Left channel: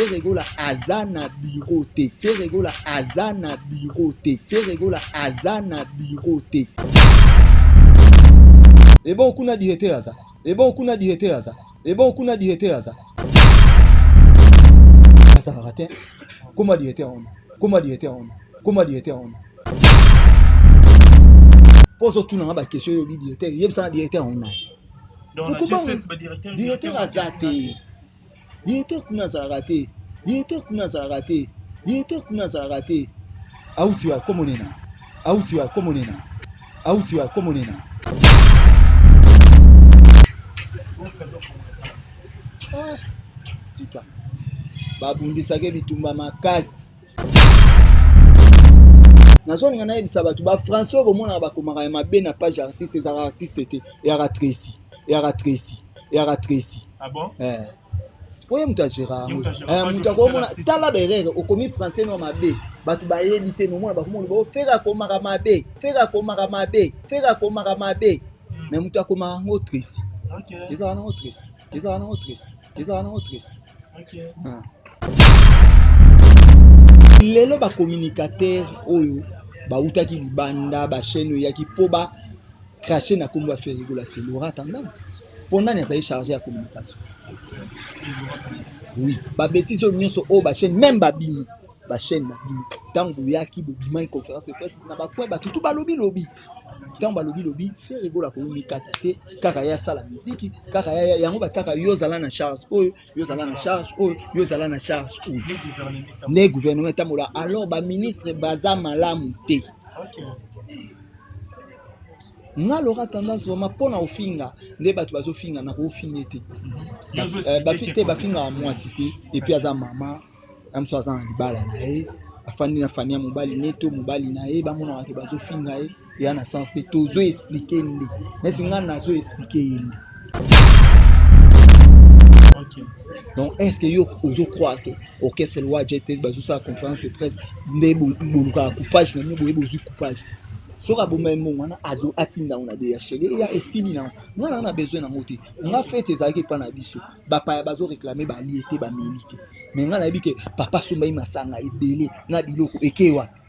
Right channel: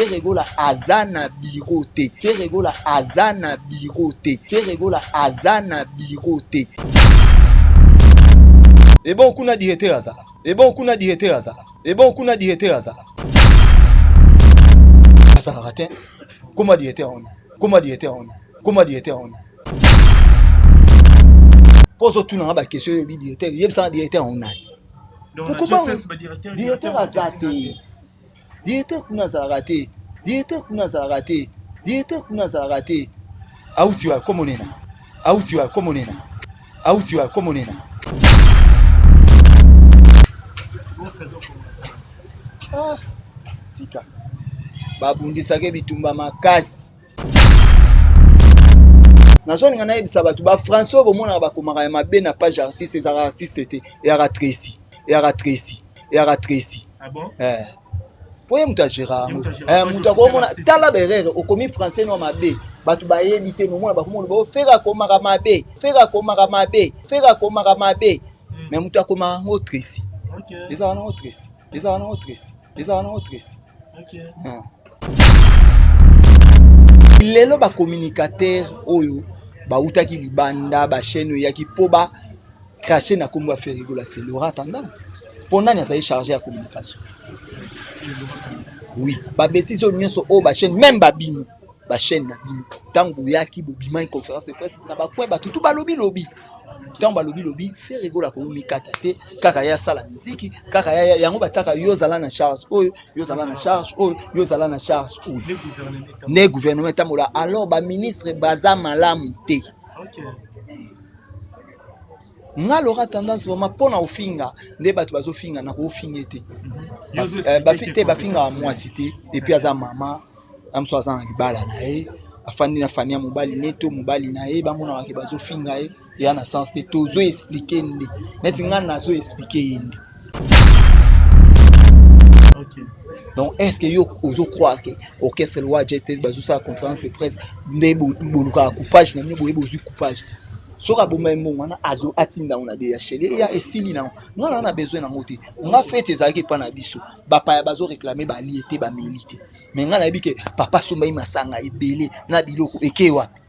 Ferregola azana birote. Ferregola azana birote. Ferregola azana birote. Et bon, kuna directeur azala. Et bon, kuna directeur azala. Et bon, kuna directeur azala. Azala raté. Comment directeur on? Comment directeur on? Comment directeur on? Pose tout dans la question du directeur. Il y a un directeur on a. Donc directeur azate. Directeur kuna azarate. Directeur kuna azarate. Directeur kuna azarate. Où tu as comme on est là. Où tu as comme on est là. Où tu as comme on est là. Sika babundisake bitumba makasi nazolinga nayebisa bato bafrançois bomona bakomaka ya mabe na page artiste ezaka artiste te eyaka Tracy. Ah bon? Poye mutu agera mutu akomona tala berere okomi français no mabe bato bayebi te momona bakomona bofera akomaka mabe mais mutu akomaka yango Tracy ezaka nango Tracy. Lelo ba communicateur oyo bautaki libanda ba chaîne yaki po ba cracher na kombo Ferregola c'est Laura Tendance pendant na ça chargé à communication. Oui, ba bêtise o nyonso o ba chaîne même ba bino ba chaîne na bino tango yaki bobima conférence de presse na ba point ba tutu ba lobby tant ba lobby Ferregola ko mikata te kaka ya sala musique kaka ya yango bataka yo zala na charge oyo yo zala na charge oyo ne gouvernement tamola alors ba ministre baza malamu te. Nga Laura Tendance vraiment pona ofinga nde bato bazofinga na kofinga te bafite bafinga mwasi te et puis aza mama amso aza na libala na ye afandi na famille ya mobali neto mobali na ye bamona ke bazofinga ye ya na sens te tozo expliquer nde neti nga nazo expliquer yende. Donc est-ce que yo ozo croire que orchestre loi jet bazo sa conférence de presse nde boluka coupage na boye bozu coupage te soka bomba mbongo azo atinda on a des chéri ya esili na non na besoin na ngote nga fete ezaki pa na biso bapa ya bazo réclamer ba liete ba milité mais nga na yebi ke papa somba masanga ebele na biloko eke wapi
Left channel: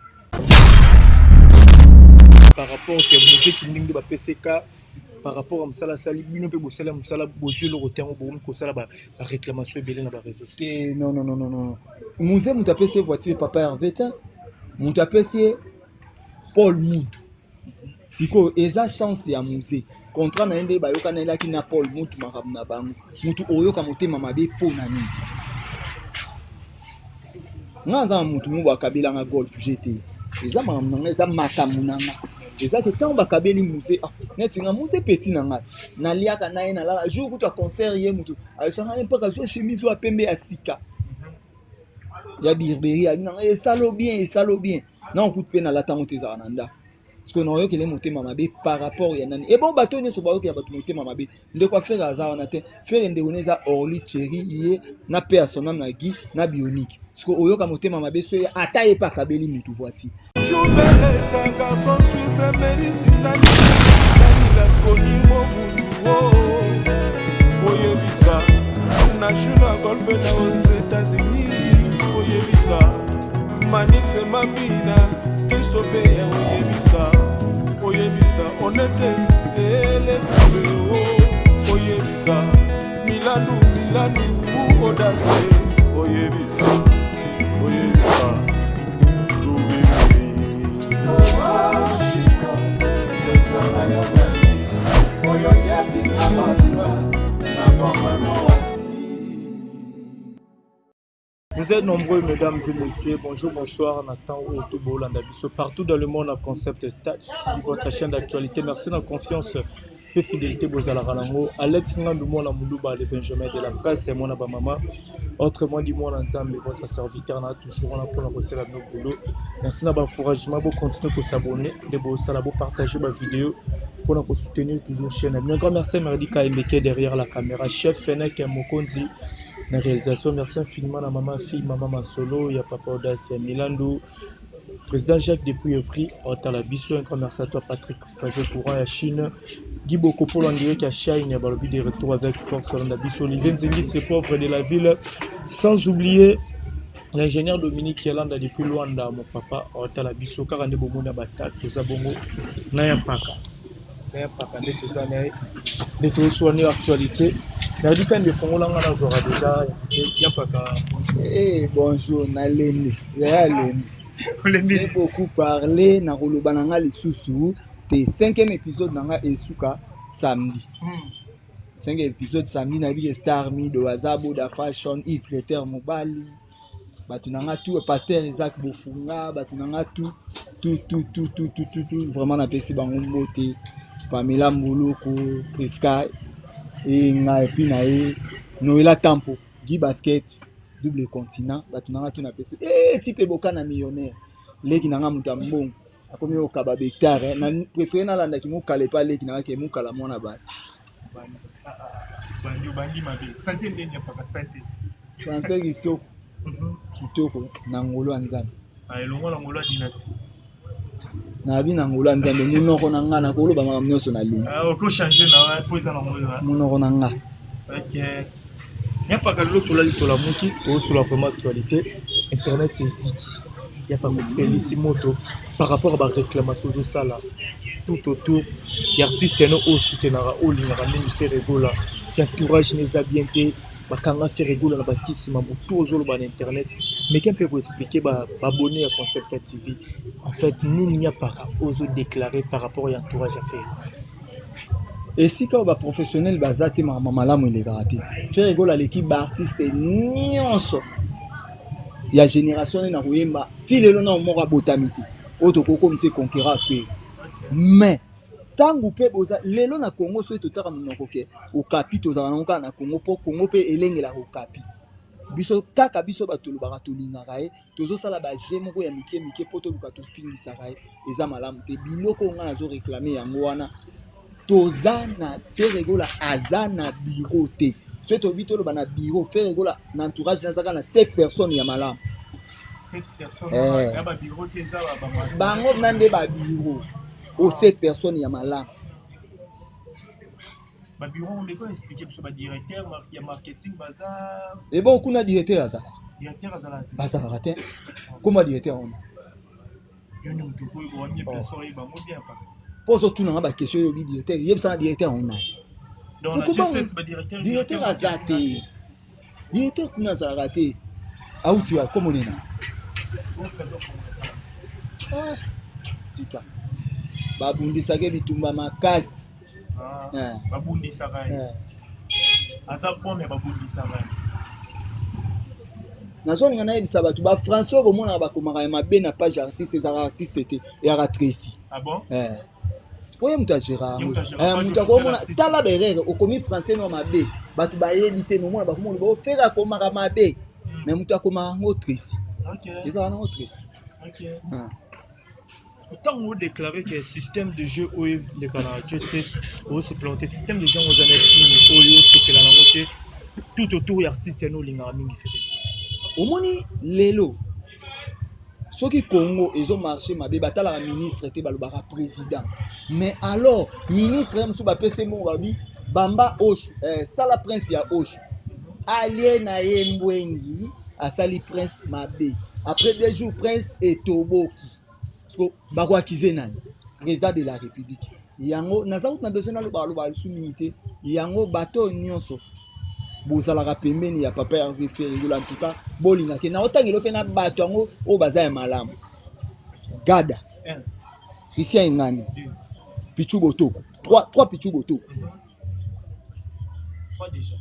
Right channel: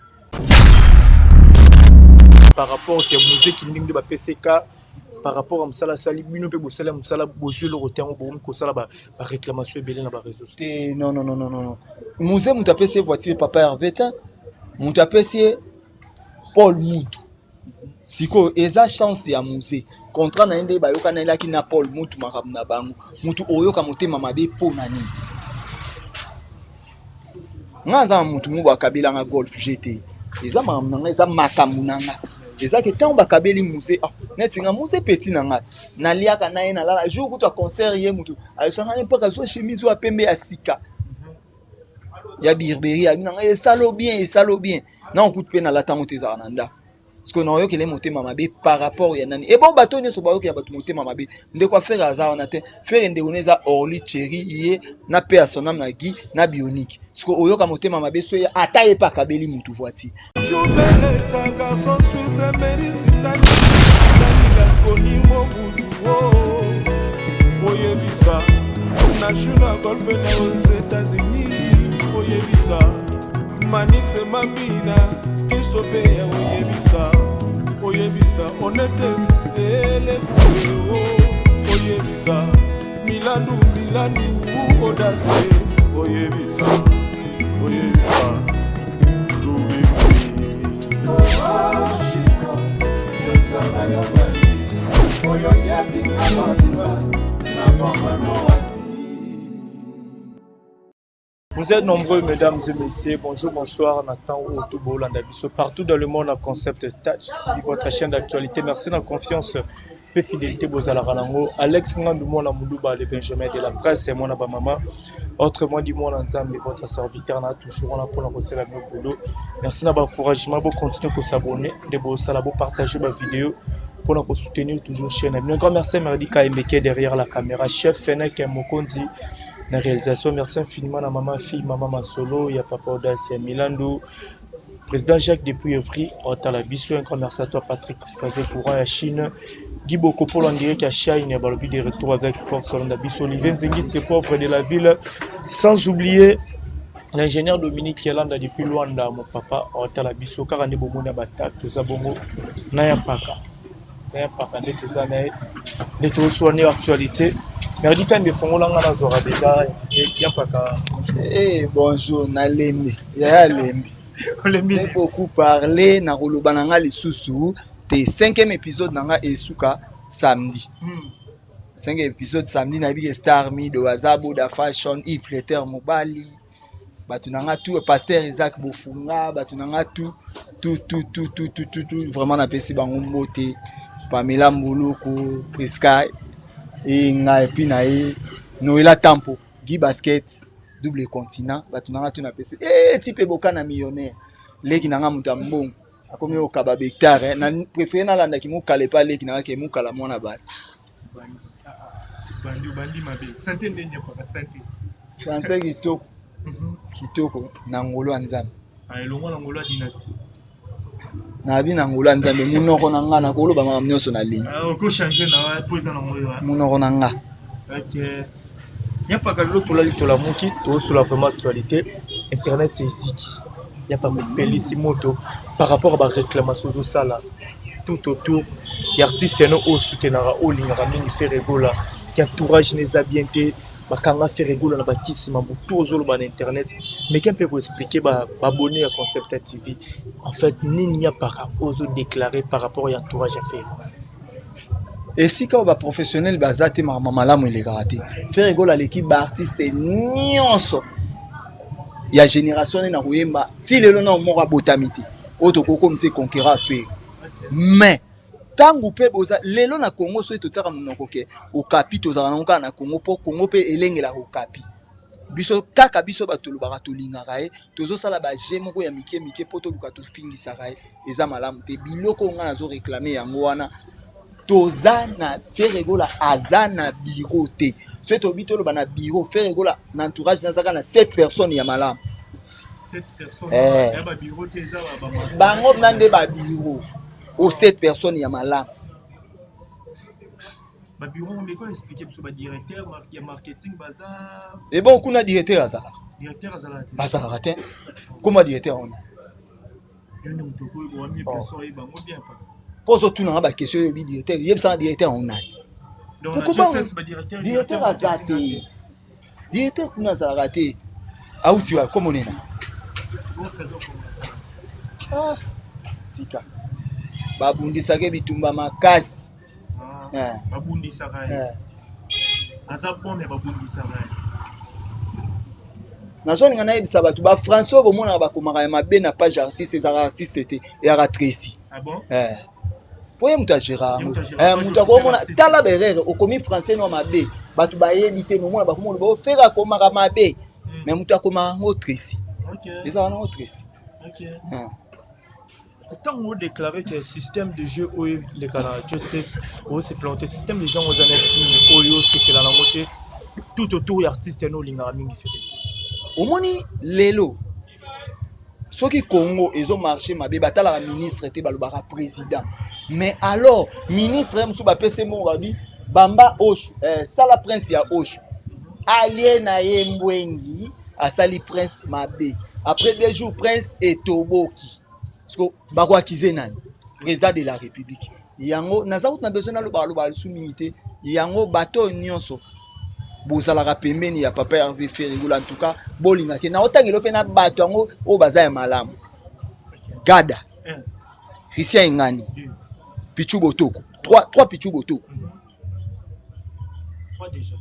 par rapport au musique ndingi ba PCK par rapport à Msala Sali bino pe bosala Msala bozu le rotin bo ko sala ba réclamation ebele na ba réseaux sociaux. Non musée muta pese voiture papa Hervétin muta pese Paul Moudou siko eza chance ya musée contrat na ende bayoka na elaki na Paul Moudou makambo na bango mutu oyoka motema mabe po na nini nga za mutu mubo akabela nga golf GT eza makambo nanga eza makambo nanga eza ke tant bakabeli musée neti nga musée petit nanga naliaka na ye na lala jour kutu concert ye mutu ayosanga mpaka zo chemise wa pembe ya sika ya birberie ya nanga esalo bien na okutu pe na latango te ezaka na ndako parce que na oyokele motema mabe par rapport ya nani bon bato nyonso bayokela bato motema mabe ndeko afere aza wana te fere ndeko neza Orly Chéri ye na pe ya sonam na Guy na Bionique parce que oyoka motema mabe so ata ye pa kabeli mutu voiture Joubele sa garçon suisse mérisindani laskoni mobutu oyebisa national golf na aux États-Unis oyebisa Manix Mabina Kistope oyebisa onete ele oyebisa Milanu odase oyebisa Vous êtes nombreux, mesdames et messieurs. Bonjour, bonsoir, Nathan Otobo Landabiso. Partout dans le monde, en concept Touch TV, votre chaîne d'actualité. Merci de la confiance et fidélité. Bozalarango. Alex Ngandoumou Moulouba, le Benjamin de la presse, et mon maman. Autrement dit, mon ensemble, votre serviteur, n'a toujours là pour la recette à nos boulot. Merci de votre encouragement. Vous continuez à s'abonner, de partager ma vidéo pour nous soutenir toujours chaîne. Un grand merci à Merdi Kaimeke derrière la caméra. Chef Fennec Mokondi. La réalisation, merci infiniment à maman fille, maman Masolo, il y a papa Audace, Milando, Président Jacques depuis Evry, Otala Bisso, un grand merci à toi Patrick Trifazé Courant à Chine, Guy Bokopol en direct à Chine, Balobi de retour avec Force Olanda Bisso, Olivier Nzengit, c'est pauvre de la ville, sans oublier l'ingénieur Dominique Yelanda depuis Luanda, mon papa, Otala Bisso, car on est bon à Bata, Tozabongo, Naya Paka. De tout soigner l'actualité. Merdi quand de fond là on aura déjà invité Yapaka. Bonjour Nalembe. Ya Lembe. J'ai beaucoup parlé na koloba nanga lisusu te 5e épisode nanga esuka samedi. 5e épisode samedi na bi Star Mi de Wazabo da Fashion Yves Letter Mobali. Batu nanga tout pasteur Isaac Bofunga, batu nanga tout vraiment na pesi bango mbote. Pamela Mbuluku, Priska et nga epi na ye Noela Tampo, Guy Basket, double continent, batu nanga tout na pesi. Type boka na millionnaire. Leki nanga muta mbongo. Akomi o kaba hectare, na préféré na landa ki mu kale pa leki nanga ke mu kala mona ba. Bandi mabe. Santé ndenya paka santé. Santé kitoko. Kitoko na ngolo nzambe. Elongo na ngolo dynastie. Na bi na ngolo nzambe munoko na nga na koloba ma nyonso na ligne. Oko changer na poza na ngolo. Munoko na nga. OK. Nya paka loto la lito la muki to sur la vraiment actualité. Internet c'est ziki. Il y a pas de pelissimoto par rapport à la réclamation de ça là. Tout autour, il y a artistes qui soutiennent au lingara mingi fait rigola, qui entourage les habientés, bakanga fait rigola na bakisi mambo tozolo ba internet, mais qui peut vous expliquer ba abonné à Concept TV. En fait, nini ya para ozo déclarer par rapport à entourage à faire. Et si quand ba professionnel bazate malamu il est raté. Faire rigola l'équipe ba artiste nyonso. Il y a génération na koyemba ti lelo na moko botamiti auto koko mse conquérant pe mais tangu pe boza lelo na Congo so etotaka monoko ke okapi tozaka na na Congo po Congo pe elengela okapi biso kaka biso batolo bakatolingaka ye tozosala ba je moko ya mike po to luka to fingisa ka eza malamu te biloko nga nazo réclamer yango wana toza na Ferregola azana bureau te so to bitolo bana bureau Ferregola na entourage nazaka na 7 personnes ya malamu 7 personnes ya ba bureau te za ba bango nande ba bureau o 7 personnes ya malamu ba bureau on peut expliquer sur ba directeur ya marketing bazar et bon kuna directeur azala bazala te comment directeur on yo ne mutoko bo mi personne yi bango bien pas pose tout na ba question yo bi directeur yebsa directeur on a donc on a dit ba directeur azate directeur kuna azala te auti wa comme on est là sika babundisaka bitumba makasi babundisaka aza pome babundisaka nazolinga nayebisa bato ba François bomonaka bakomaka ya mabe na page artiste ezaka artiste te eyaka Tracy po ye moto agéra yango moto akomona tala berere okomi français no mabe bato bayebi te momona bakomona bofere akomaka mabe mais moto akomaka yango Tracy ezaka nango Tracy Tant on déclarait que le système de jeu où les Canadiens se planté, système de jeu aux années tout autour des artistes no lingara mingi fait. Omoni lelo soki Congo ezo marché mabe batala ministre te balobaka président mais alors ministre msu ba pese mo babi bamba oshu sala prince ya oshu alien na ye mbwengi asali prince mabe après 2 jours prince etoboki parce bako akize nani président de la république yango nazaut na besoin na loba sumité yango bato nyonso bozalaka pembeni ya papa Hervé Ferregola en tout cas bolinga ke na otangelo pe na bato yango o baza ya malamu Gada Christian Ingani Pichu Botoko 3 Pichu Botoko 3 déjà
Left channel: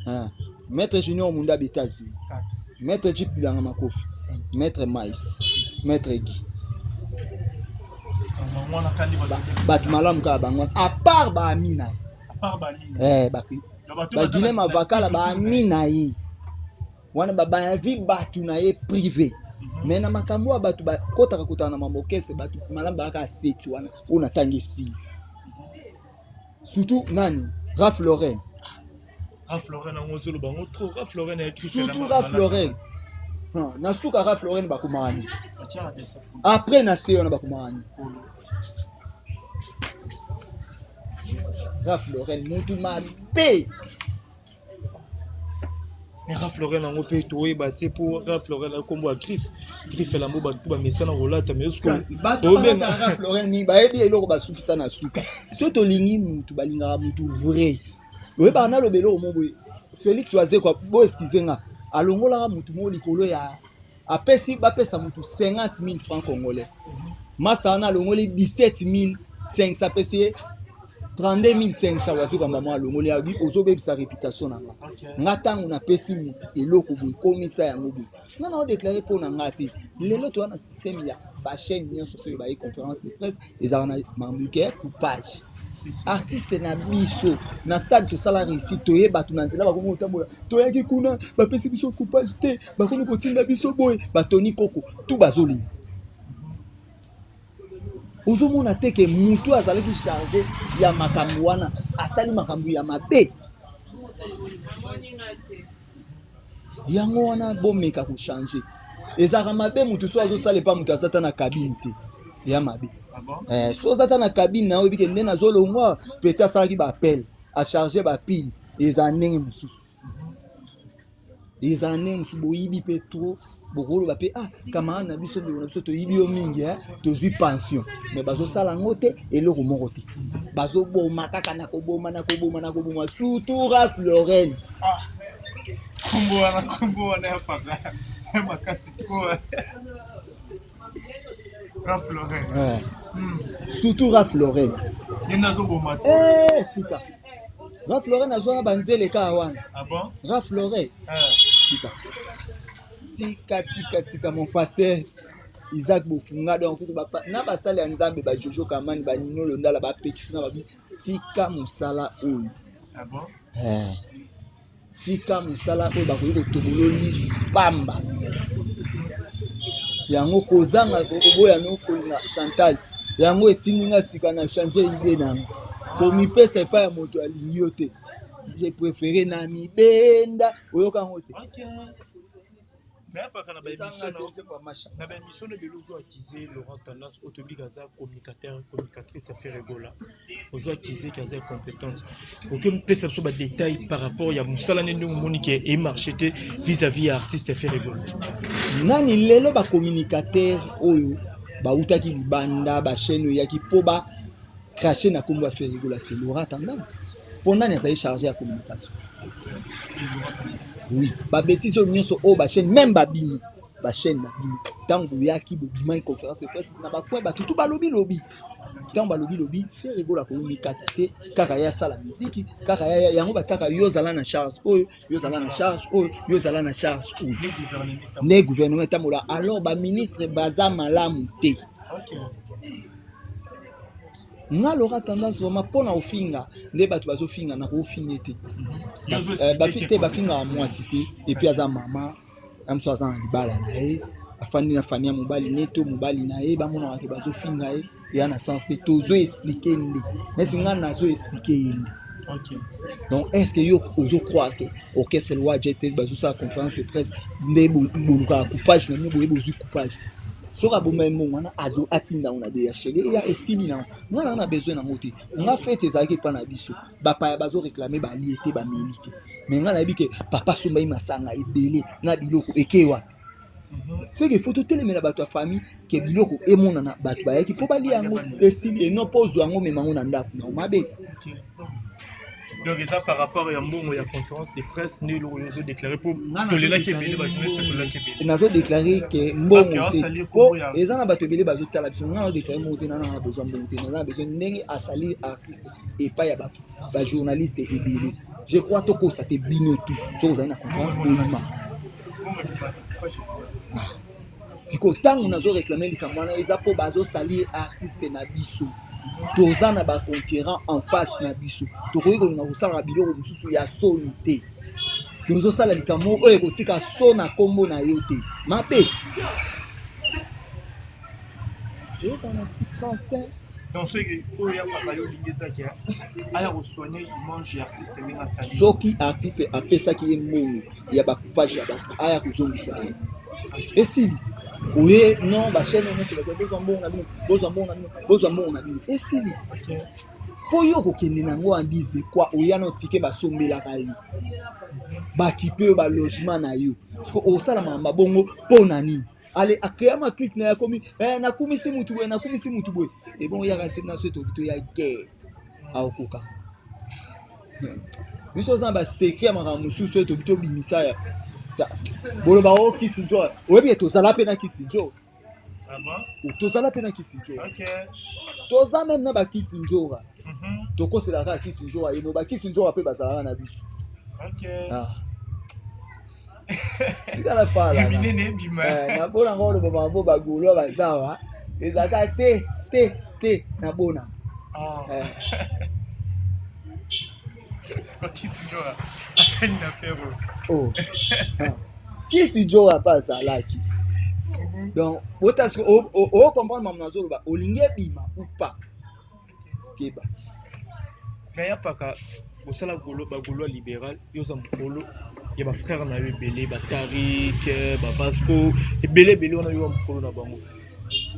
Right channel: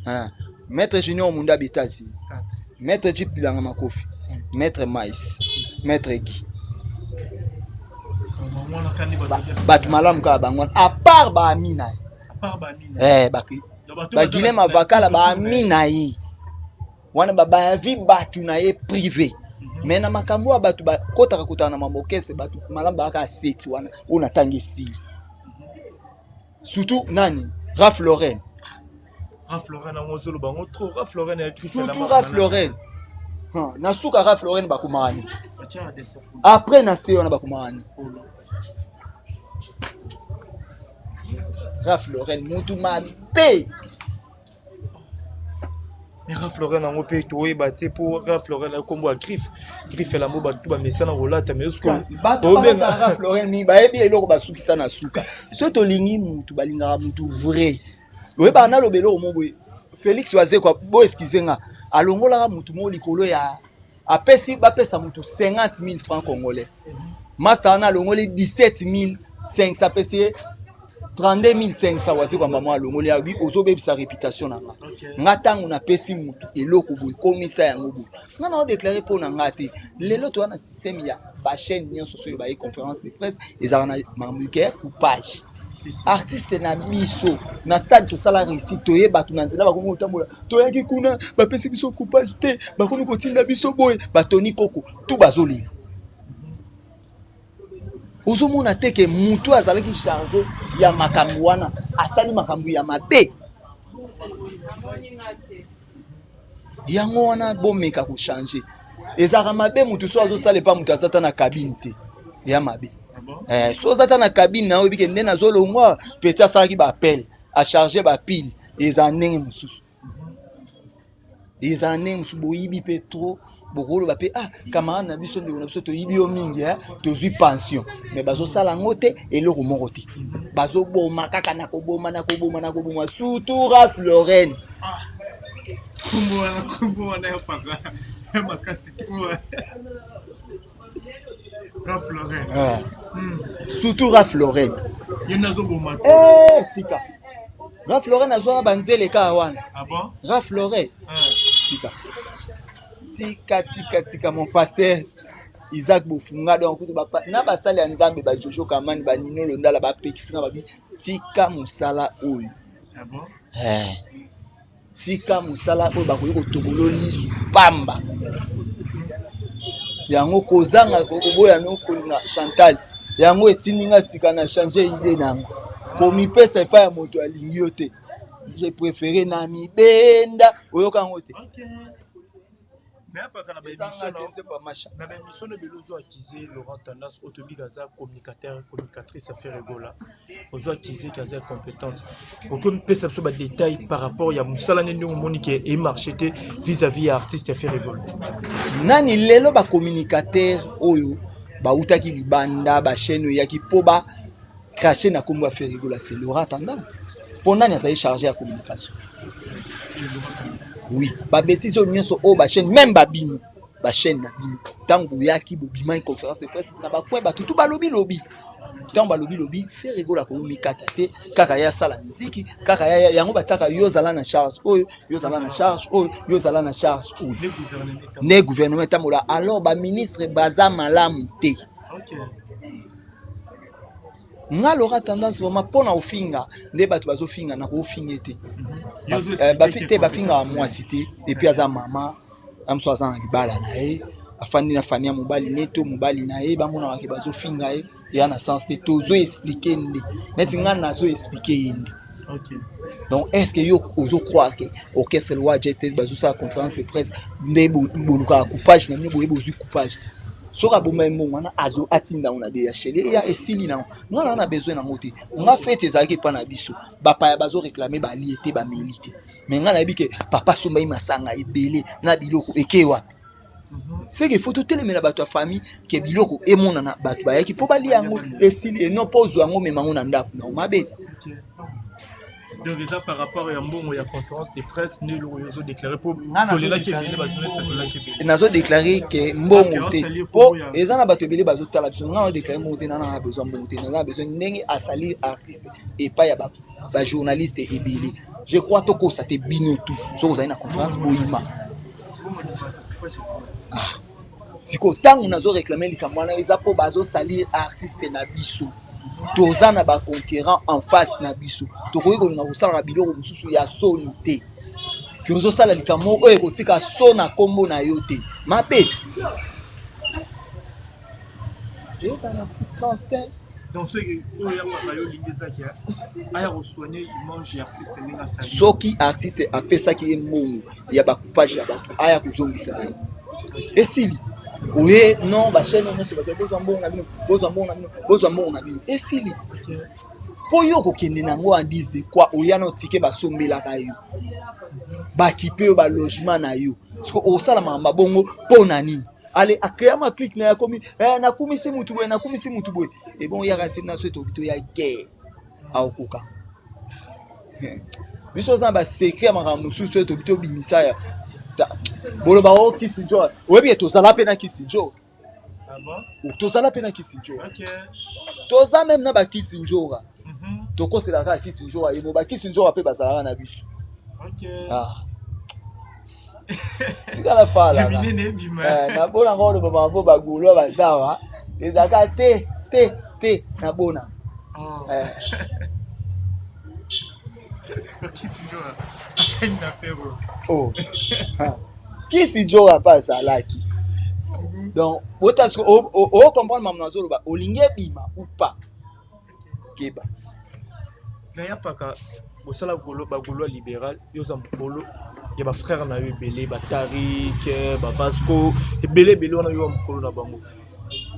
Maître Junior Munda Betazi 4 Maître Jeep Bilanga Makofi 5 Maître Mais Maître Guy bato malamu ka bango à part ba Amina ba Guilhem Avakala ba Amina yi wana baba ya vi batu na ye privé mais na makambo batu ba kotaka kotana na mambokese batu malamu ba ka seti wana ona tangisi surtout nani Ralph Lauren en ngozolo bango trop Ralph Lauren surtout Ralph Lauren na suka Ralph Lauren bakumani après na se wana bakumani Ralph Lauren mutu mabe. Mais Ralph Lauren a ngopé toé baté pour Ralph Lauren a combo à Griff la moba tout ba mesana rolata mais usko ba Ralph Lauren mi ba ebi eloko basuki sana suka so to lingi mutu balinga mutu vrai oye ba na lobelo mo boy Félix Oazé quoi bo excusez nga alongola mutu mo likolo ya apesi ba pesa mutu 50,000 francs congolais master na alongoli 17,500 pesi 32,500 wasi kwa mama alongoli ya bi ozobebisa réputation na nga nga tango na pesi mutu eloko boy komisa yango boy nga na déclarer pour na nga te lelo to na système ya ba chaîne nyonso so ba conférence de presse ezala na mambuke coupage artiste na biso na stade to sala réussite to yeba to na nzela ba komo tambola to yaki kuna ba pesi biso coupage te ba komi ko tinda biso boy ba toni koko tout bazolila ozomona te ke mutu azalaki chargé ya makambo wana asali makambo ya mabe yango wana bomeka ko changer ezaka mabe mutu so azosala pa mutu azata na cabine te ya mabe so azata na cabine na oyebi ke nde nazolongwa petit asalaki ba appel a charger ba pile eza ndenge mosusu boyibi pe trop bokolo ba pe camarade na biso ndeko na biso toyibi yo mingi tozwi pension mais bazosala ngo te eloko moko te bazoboma kaka na koboma surtout Ralph Lauren kombo wana ya paka makasi trop Ralph Lauren surtout Ralph Lauren nazoboma tika Ralph Lauren azona banzele ka wana Ralph Lauren tika mon pasteur Isaac Bofunga donc na basali ya nzambe ba Jojo Kamani ba Nino Londala ba pekisinga babi tika musala oyo tika musala oyo bakoyi kotomolo lisu pamba yango kozanga koboya no kolinga Chantal yango etininga sika na changer idée nanga komipesa epa ya moto alingi yo te j'ai préféré na mibenda oyoka ngo te mais apaka na émission de belozo acquisé Laurent Tandas autobigaza communicatrice affaire Ebola ozo acquisé kaza compétente aucun pesa so ba détail par rapport ya musala nende monique et marché vis-à-vis artiste affaire Ebola nani lelo ba communicateur oyo ba utaki libanda ba chaîne yaki po ba cracher na kombo affaire Ebola c'est Laurent Tandas pour nani ça chargé à communication. Oui, ba bêtise nyonso o ba chaîne même ba bino ba chaîne na bino tango yaki bobima une conférence de presse na ba point ba tutu ba lobby tango ba lobby faire rigola ko mikata te kaka ya sala musique kaka ya yango bataka yo zala na charge oyo yo zala na charge oyo yo zala na charge oyo ne gouvernement tamola alors ba ministre baza malamu te. Nga Laurent Tendance vraiment pona ofinga nde bato bazofinga na kofinga te bafite bafinga mwasi te et puis aza mama amso aza libala na ye afandi na famille mobali neto mobali na ye bamona ke bazofinga ye ya na sens te tozo expliquer nde neti nga nazo expliquer nde. Donc est-ce que yo ozo croire que orchestre loi jet bazo sa conférence de presse nde boluka coupage na nyo boye bozu coupage te soka bomba wana azo atinda on a des chéri ya esili na ngana on a besoin na ngote nga fete ezaki pa na biso bapa ya bazo réclamer ba liete ba milité mais ngana yebi ke papa somba masanga ebele na biloko ekewa c'est que faut tout telemela bato ya famille ke biloko emona na bato ba yaki po ba li yango esili et non pozo yango memango na ndako na mabe. Donc ça par rapport à mbongo ya conférence de presse ne lo yozo déclarer pour kolela ke bele ba journaliste kolela ke bele nazo déclarer que mbongo te po ezana bato bele bazo tala biso nga déclarer mbongo te na besoin mbongo te na besoin ndenge a salir artiste et pas ya ba journaliste et bele je crois to ko ça te bino tout so vous avez na conférence boyima siko tango nazo réclamer likambo na eza po bazo salir artiste na biso toza na ba conquérant en face na biso tokoyi kolinga kosala biloko mosusu ya soni te ke ozosala likambo oyo ekotika so na kombo na yo te mabe eza na sens te. Donc ce que oya papa yo lingezaki aya kosoigner image ya artiste ndenge asali soki artiste apesaki ye mbongo ya bacoupage ya bato aya kozongisa na ye esili oye non bachaîne nyonso baza bozwa mbongo na bino bozwa mbongo na bino bozwa mbongo na bino esili mpo yo kokende nango en 10 de quoi oya na otike basombelaka yo bakipe yo balogement na yo siko osala makambo bongo mpo na nini ale akrea ma clique na yakomi nakumisi mutu boye ebon oyaka nsemi na so etokito ya guerre aokoka biso oza na basekret ya makambo mosusu to etokito obimisa ya boloba o Kissinger oyebi tozala mpe na Kissinger tozala mpe na Kissinger toza meme na bakisinjora tokoselaka Kissinger yeno bakisinjora mpe bazalaka na biso sikala fala nabona ngo oloba bango bagulwa bazawa ezalaka te nabona Kissinger mpe azalaki donc botasiko ocomprendre mamu azoloba olingi ebima ou pas keba mais ya paka bosala bagolo libéral yoza mokolo ya bafrère na yo ebele batarik bavasco ebele wana yo mokolo na bango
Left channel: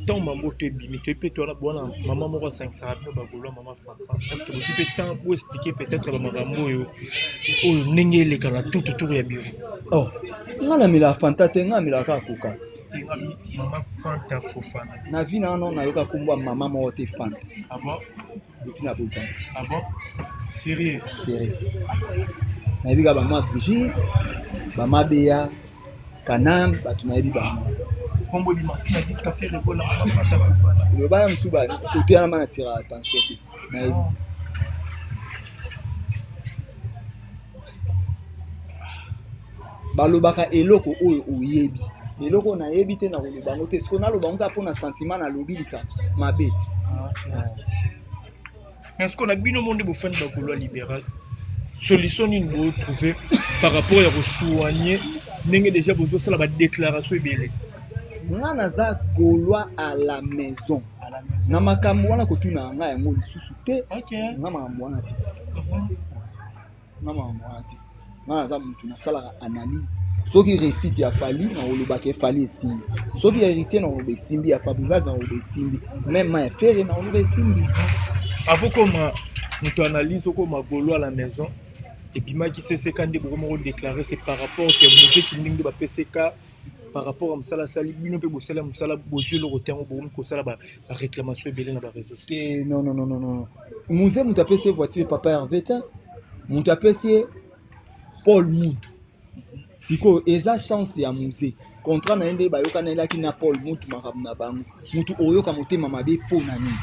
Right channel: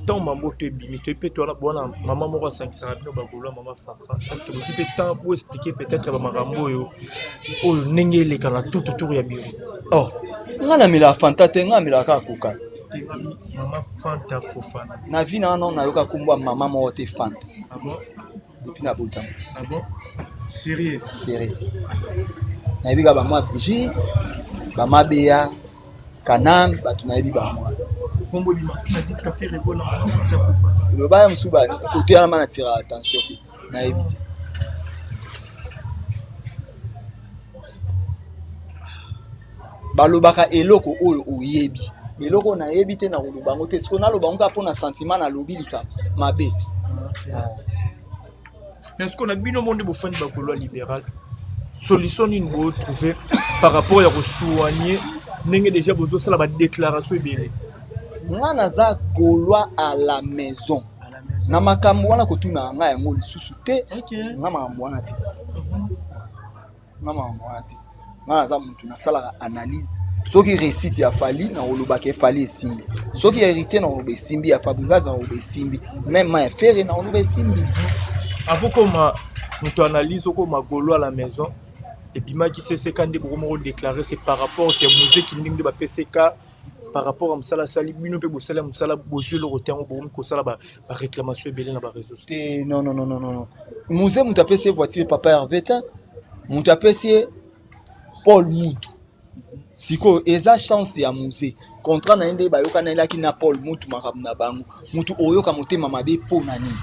ntango mambo to ebimi to mpe towana bwana mama moko asangisaka bino bagolo ya mama fafa est ce que bozwi mpe temps boexplike peut-être bamakambo oyo ndenge eleka na tututur ya biro nga namelaka fanta te nga namelaka koka mama Fanta Fofana na vie na non nayoka kumbwa mama moko te Fanta depuis na botama sérieux nayebi ka bamwa Brigitte bama Bea Kanam bato nayebi bamwa kombo di Martina Discafé Rebola mama Fanta Fofana loba ya mosusu kote wana mana tira attention te nayebi te balobaka eloko oyo oyebi eloko nayebi te na koloba yango te siko naloba ngo mpo na sentiment nalobi likambo mabe te mais ce qu'on a bino monde bofani bakolo libéral solution nini botrouve par rapport ya kosoigner ndenge déjà bozosala badéclaration ebele nga naza golwa à la maison na makambo wana kotuna nga yango lisusu te nga makambo wana te nga naza mutu nasalaka analyse soki réussite ya fali na olobaka efali esimbi soki héritier na oloba esimbi ya fabricage na oloba esimbi même ma efere na oloba esimbi avant koma mutu analyse okoma golo à la maison ebimaki CCK nde bokomoko déclarer c'est par rapport ke muziki ndenge nde bapeseka par rapport à mosala sali bino mpe bosala mosala bozwi eloko te yango bokomi kosala baréclamation ebele na baréseau te non musée mutu apesi ye voiture papa Hervé te mutu apesi ye Paul Mutu sikoyo eza chance ya musée contrat na ye nde bayokanelaki na Paul Mutu makambo na bango mutu oyoka motema mabe mpo na nini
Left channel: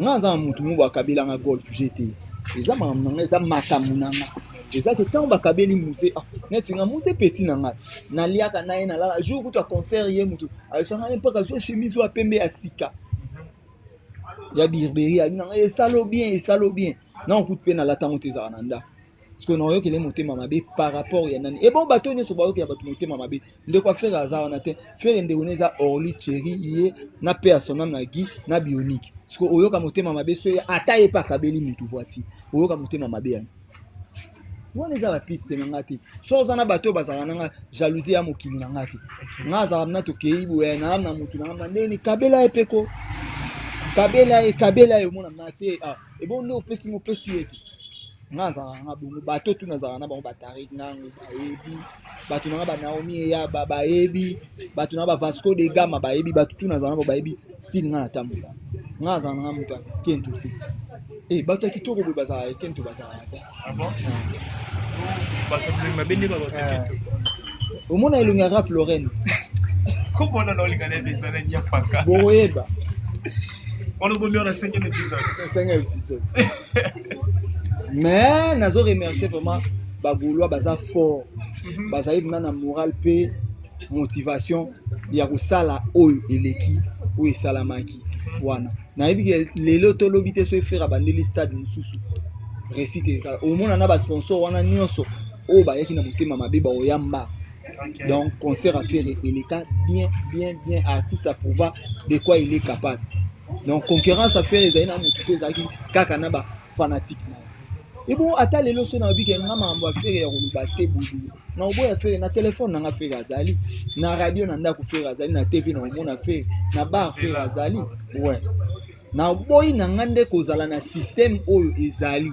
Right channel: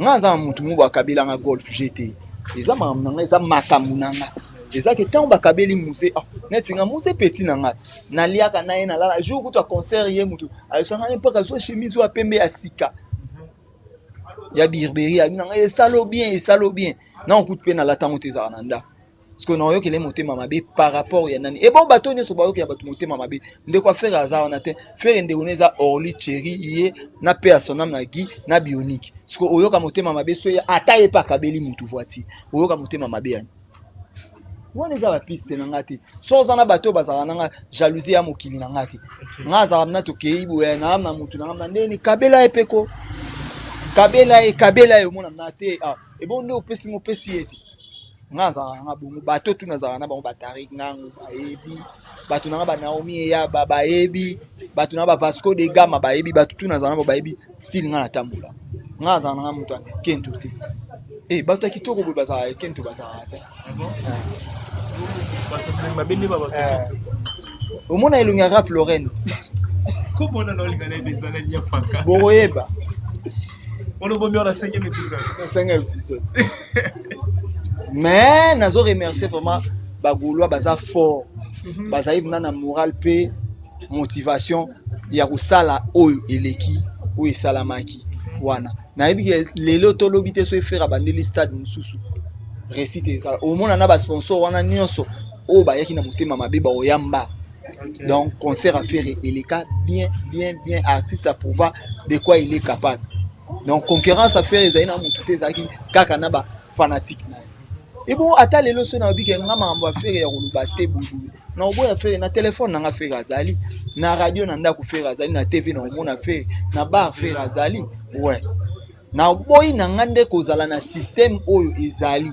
nga aza na mutu mobo akabelanga golf GT eza makambo na nga eza makambo na nga eza ke ntango bakabeli musée neti nga musée peti na nga naliaka na ye nalala jour kutu aconcert ye mutu ayosanga ye mpaka azwa chemise oyo pembe ya sika ya birberie abi na nga esalo bien na okuti mpe nalatango te ezaka na ndako sikoyo naoyokele motema mabe par rapport ya nani ebo bato nyonso bayokela bato motema mabe ndeko afere aza wana te fere ndeko ne eza orli cheri ye na pe ya sonam na gi na bionique sikoyo oyoka motema mabe so ata ye mpe akabeli mutu voiture oyoka motema mabe yani wana eza bapiste na nga te so oza na bato oyo bazalaka na nga jalousie ya mokili na nga te nga azalaka mna tokei boya na na mutu na nga na ndeni kabela ye peko kabela ye omona na te ebo nde opesi ye te nga azalaka nga bongo bato tu nazalaka na bango batarik ngango bayebi bato na nga banaomi eyaba bayebi bato na bavasco de gama bayebi bato tu nazalaka na bango bayebi style nga natambola nga azalaka na nga moto akento te bato ya kitoko boye bazalaka ekento bazalaka te omona elongi ya Ralph Lauren bokoyeba na 5e épisode mais nazo remercier vraiment bagolwa baza fort bazali mna na moral pe motivation ya kosala oyo eleki oyo esalamaki wana nayebi ke lelo tolobi te so efera bandeli stade mosusu réussite ezala omona na basponsor wana nyonso oyo bayaki na motema mabe baoyamba donc concert affaire eleka bien artiste à prouver de quoi il est capable donc concurrence affaire ezali na motu te ezalaki kaka na bafanatique na ye Et bon, ata lelo so na bike nga mambo affaire ya koluba te bodu. Na obo affaire na téléphone na nga affaire azali, na radio na ndako affaire azali, na TV na omona affaire, na bar affaire azali. Ouais. Na boyi na ngande kozala na système oyo ezali.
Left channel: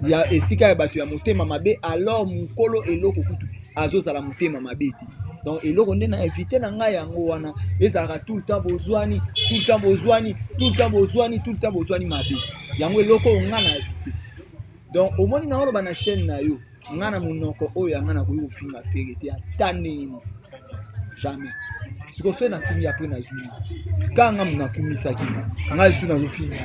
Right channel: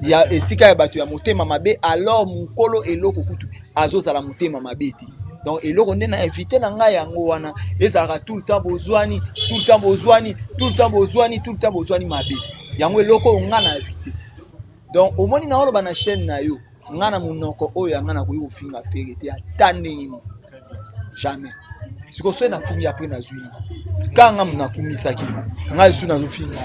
Ya esika ya bato ya motema mabe alors mukolo eloko kutu azozala motema mabe ti. Donc eloko nde na invité na nga yango wana ezalaka tout le temps bozwani, tout le temps bozwani, tout le temps bozwani, tout le temps bozwani mabe. Yango eloko nga na invité. Donc au moins na oloba na chaîne na yo nga na munoko oyo nga na koyi ofinga affaire te ata nini jamais siko so na fingi après na zwili kanga muna kumisaki nga su na finga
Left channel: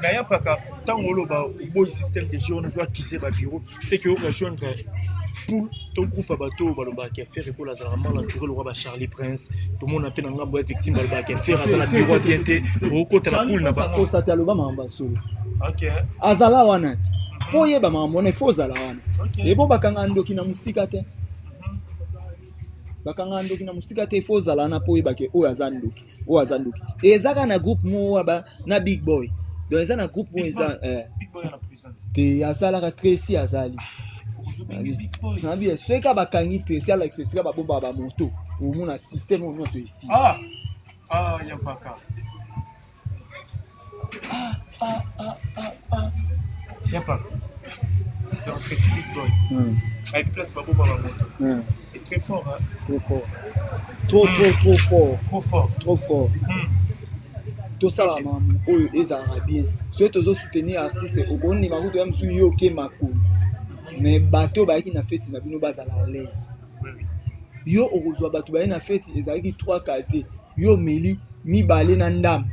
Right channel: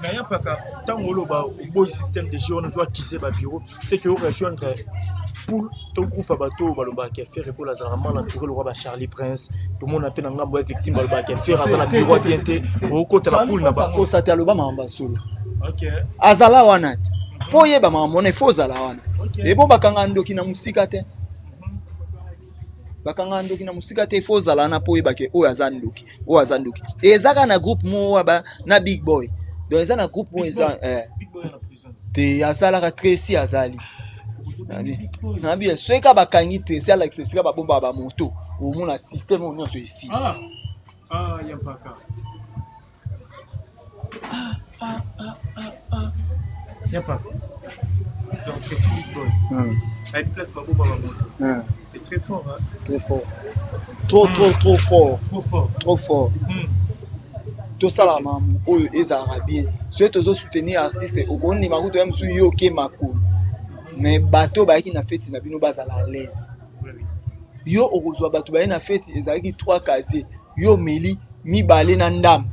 na ya paka tango oloba boy système de jeu on doit quitter ba bureau c'est que on rejoindre pour ton groupe bateau baloba qui faire pour la zalama l'entouré le roi ba Charlie Prince tout le monde a fait na ngambo victime baloba qui faire azala bureau bien te au côté la poule na ba ko sata loba mamba solo. OK azala wana ti po yeba mamona ifo zala wana ebo bakanga ndoki na musika te bakanga ndoki na musika te ifo zala na po yeba ke o azandoki ezaka na groupe mo ba na big boy donc eza na groupe mo eza big boy na prison te azala ka Tracy azali na bien soka bakangi Tracy ala exesika ba bomba ba moto o mona système o nyonso ici yampaka yampaka donc Tracy big boy à une place babo baba moto c'est très fort hein très fort trop fort tout ça là maman oyo ezalaka bien soki tozo soutenir artiste okoni makuto ya msu yo ke makolo mais bato bayaki na fête na bino bazala à l'aise yo okozwa bato baye na fête ezalaki 3 casier yo meli mibale na ndam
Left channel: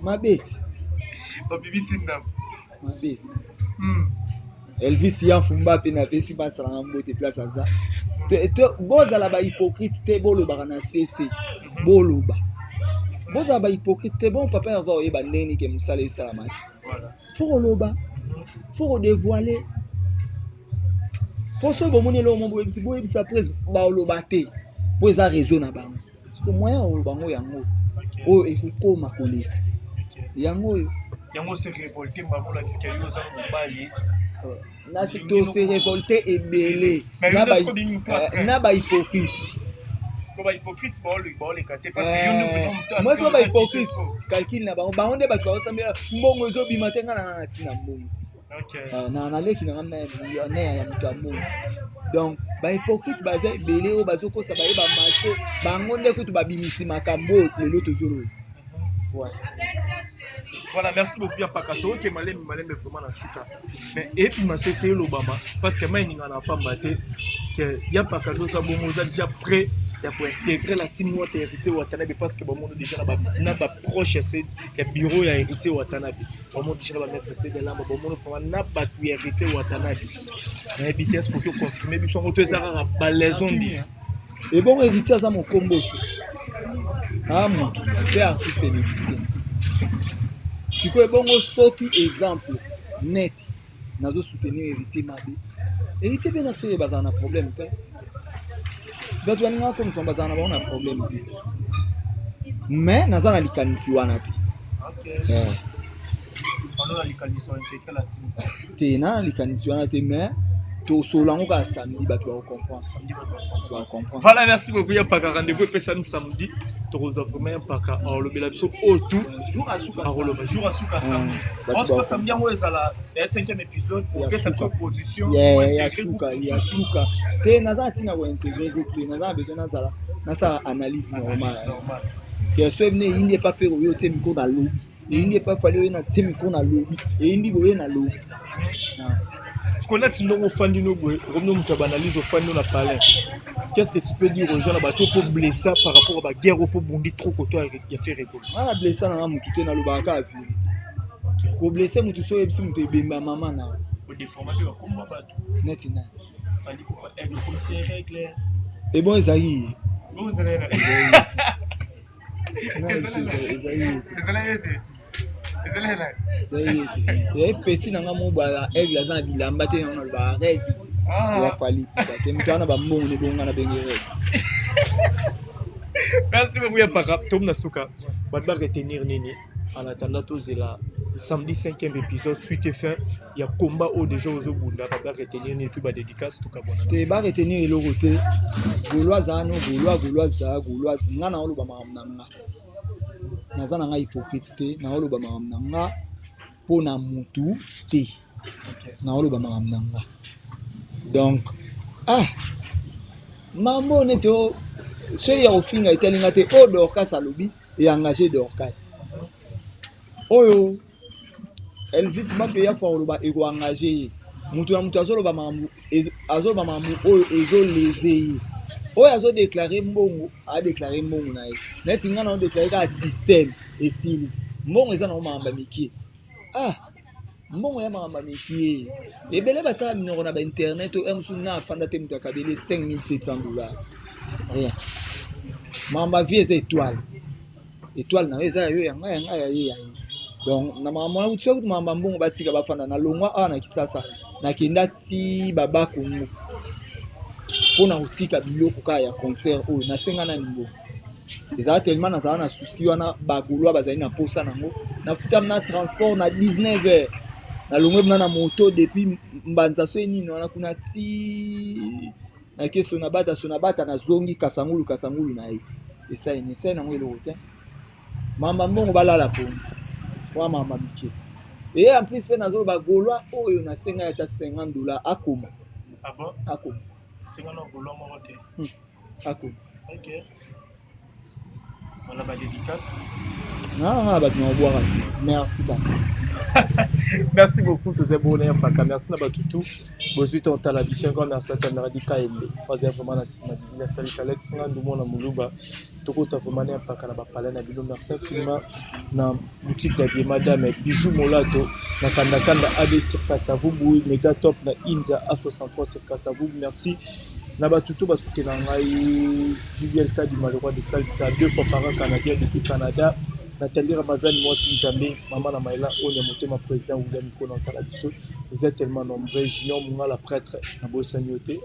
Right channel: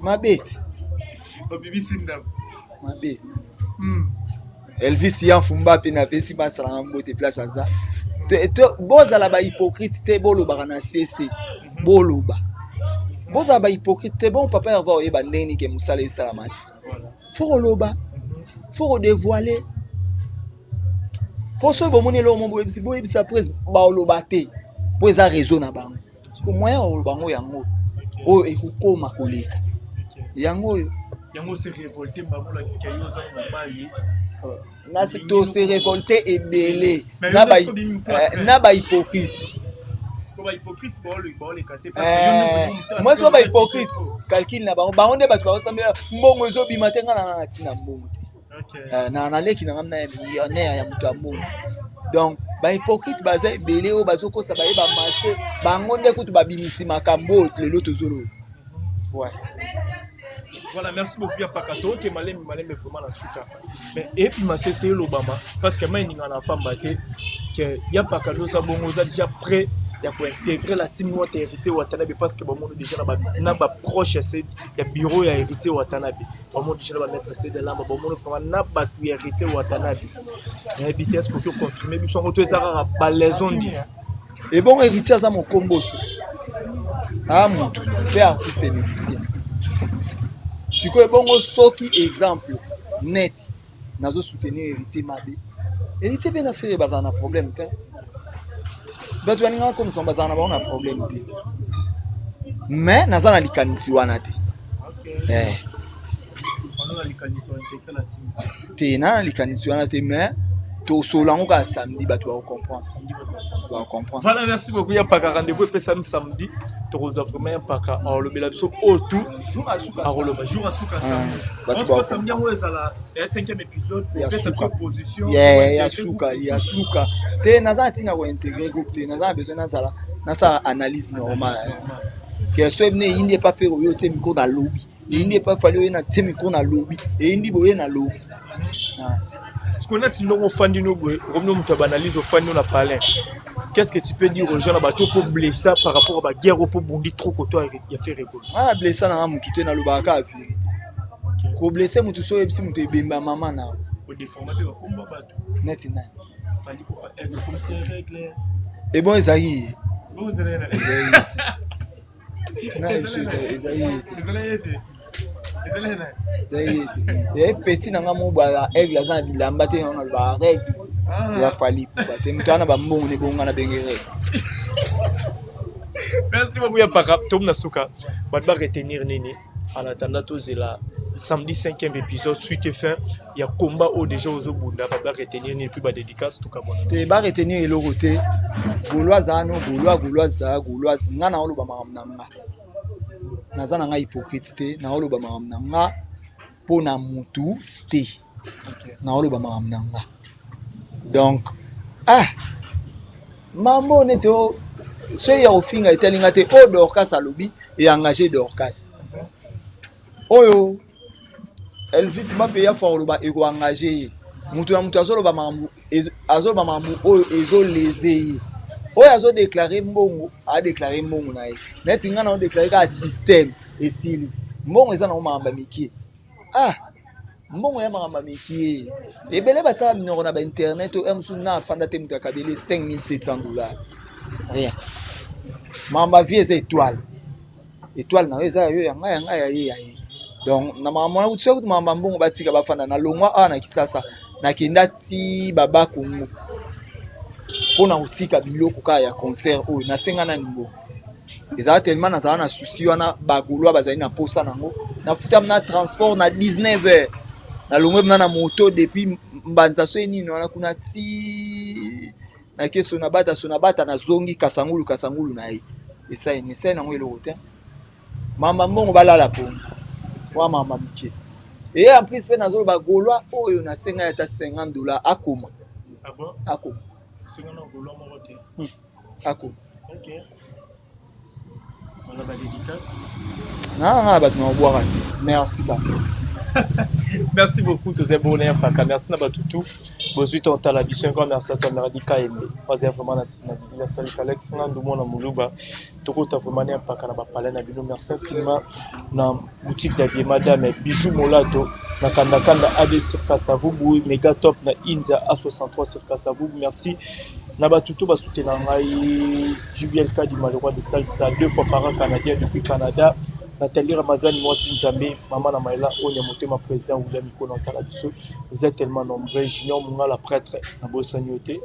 mabeti obibisi ndam mabe Elvis Yamfumba pe na pesi basala mbote place aza bozala ba hypocrite te boloba na CC boloba bozala ba hypocrite te bon papa avoir oyeba ndeni ke musala esalamate faut loba faut dévoiler pour so bomoni lo mombo ebisa prise ba loba te po eza raison na bango ko moyen o bango yango o ekukoma koleka yango se révolter bango la discayo za mobali na to se révolter ebele na ba hypocrite moi so ba hypocrite calcul na bango nde bato basambela mbongo ezobima te nga na tina mbongo te na leki na ngamna ya millionnaire ya mutu ambongo donc ba hypocrite baza ebele o bazokosa baye ba masse bango nde kutu babimisi makambo lelo tozolo ouais. Voilà, merci beaucoup ya pakato ke malem vraiment na suka mais et puis ma cessé l'Obama parce que moi ninga na pamba te que ya pakato ça bongo ça déjà prêt ya pour intégrer la team wa héritier Watanabe parce que bon monde déjà na ba proche c'est ya bureau ya héritier Watanabe bon monde déjà ba mettre c'est de là bon monde vraiment na ba héritier Watanabe na vitesse pour que confirmer bi son retour ça ra balaison dit et bon héritier ça mon comboso mon fait artiste et musicien sikoyo bongo soki exemple net nazo soutenir héritier mabe héritier bien affaire bazana na problème te bato baninga comme son bazana ba on a problème te mais nazana likanisi wana te on a likanisi on intégrer la team te na likanisi wana te mais to solango ka samedi bato ba comprendre voilà merci beaucoup ya paka rendez-vous et samedi to rosa vraiment paka alors le belabiso autour jour à suka samedi on se passe samedi on est à la 5e épisode pour cette proposition ya suka te naza tina ko intégrer groupe te naza besoin na ça analyse normale que ce ne indi pas faire yo te miko na lobby indi pas fallu na te miko na lobby et indi boye na lobby ce qu'on a tindongo fandino boy comme nous to analyse au fandino na palais. Qu'est-ce que tu peux dire aux gens là-bas pour blesser par rapport à la guerre ou pour bondir trop côté il a fait récolte na blesser na mutu te na lobaka a vérité ko blesser mutu so ebisi mutu ebemba mama na au déformer pe komba bato net na fali ko aigle comme c'est règle et bon ezali bon ezali et petit nanga mo ba aigle aza bilamba te na ba règle ya fali te mutana ba mbongo ne bonga na bengere merci beaucoup ya paka tom na suka ba retenir nini En attendant, c'est la samedi 5e épisode, suite et fin. Il y a combat au déjà aux Obunda, va retenir ni plus bas dédicace tout cas. Te ba retenir le côté Gaulois ano Gaulois ngana olo ba makamnanga. Naza na nga hypocrite te na olo ba makamnanga pona mutu te. Na olo ba makamnanga. Donc mambo neti o so ya ofinga etelinga te o Dorcas alobi et engagé Dorcas. Oyo Elvis Mbappé ya fort loba ego engagé mutu ya mutu azoloba mambu oyo ezoleze oyo azo déclarer mbongo a déclarer mbongo na ye neti nga na o déclarer ka système esili mbongo eza na omamba mikie mbongo ya makamba mikie ebele batala minoko na ba internet o emsu na afanda te mutu akabele $5,700 rien mamba vie eza étoile na yo eza yo ya ngai ya ye donc na mama utse kuti mamba mbongo batika bafanda na longwa na Kisasa na kenda ti baba Kongo pona utika biloko ka ya concert oyo na senga na nimbo ezala tellement nazala na souci wana bagolwa bazali na posa nango na futa na transport na 19h na longwe na moto depuis mbanza so nini wana kuna ti na keso na bata na zongi kasangulu na ye esa nango eloko te mamba mbongo balala pongo wa mama mikie et en plus pe nazolo bagolwa oyo na senga ya ta $50 akoma akoma senga na golwa moko te akoma OK on a ba dédicace na bato na boire merci papa. Merci beaucoup, tous les abonnés. Merci à Batutu. Bonjour, on t'a la vie. Un grand merci à toi, Merdi KMB. Pas vraiment la Sima. Merci à Alex. Nous avons Moulouba. Tout le monde a vraiment parlé de Bino. Merci infiniment. Dans la boutique d'habillé Madame Bijou Molato. Dans Kandakanda AB sur Kassavou. Mega Top. Dans Inza A63 sur Kassavou. Merci. Nabatutu va soutenir JBLK du Malheureux de Salsa 2 fois par an canadien depuis Canada. Nathalie Ramazan, moi Sinzambe, Maman Namaïla, Onyamote, ma président William Iko Nantala Bisso. Vous êtes tellement nombreux. Junior Munga, la prêtre, Nabo Sanyote.